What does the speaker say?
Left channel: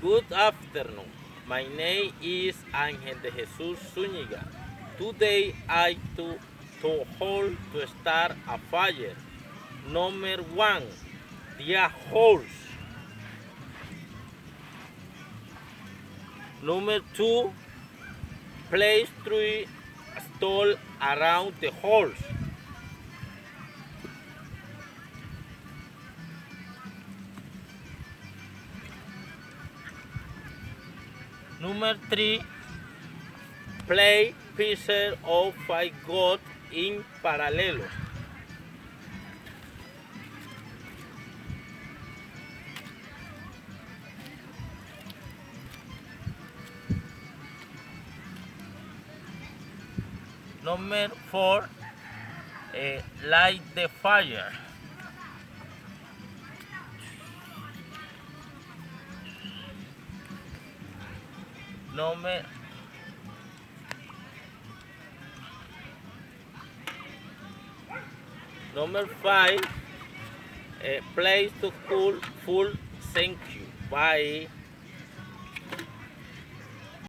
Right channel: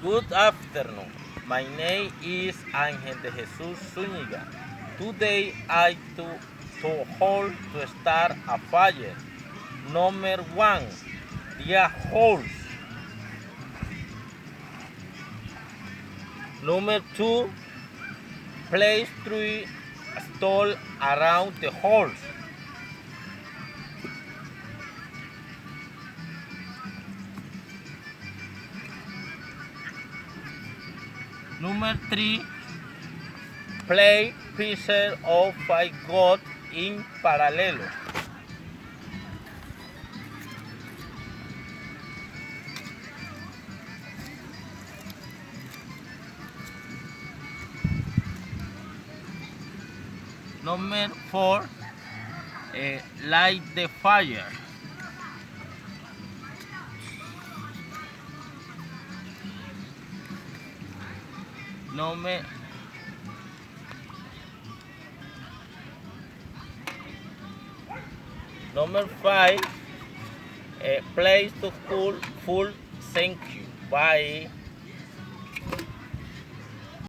Good afternoon. My name is Ángel de Jesús Zúñiga. Today I to hold to start a fire. Number one, the holes. Number two, place three stall around the holes. Number three, play pieces of five goat in parallel. Number four, light the fire. Number Number five, place to cool full. Thank you. Bye.